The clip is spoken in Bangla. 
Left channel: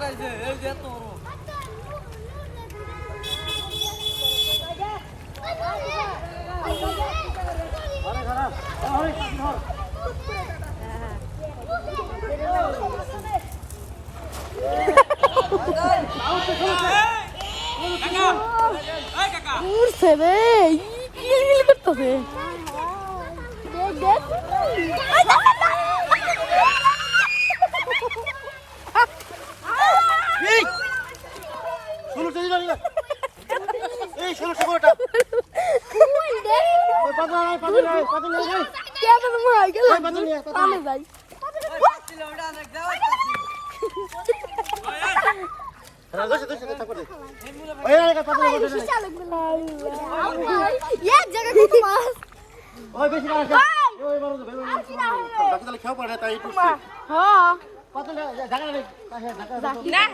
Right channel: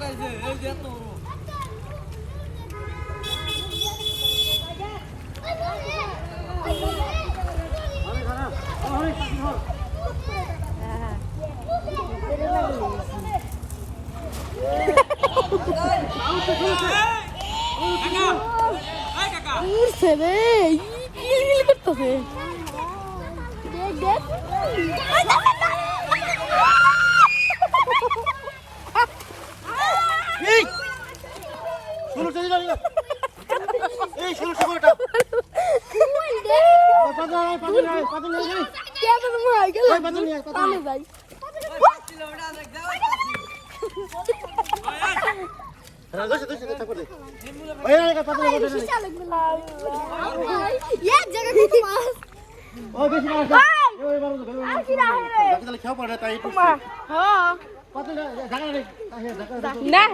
উঠাইছে এই যে এত বড় আরে খারাপ আরে ধর উড়ছে রে করতেছে দেখ দেখ জায়গা কত মাছ ওই বেশি না ওই তো বেরো খেও পড়ে তাই টুটছে হ্যাঁ। না।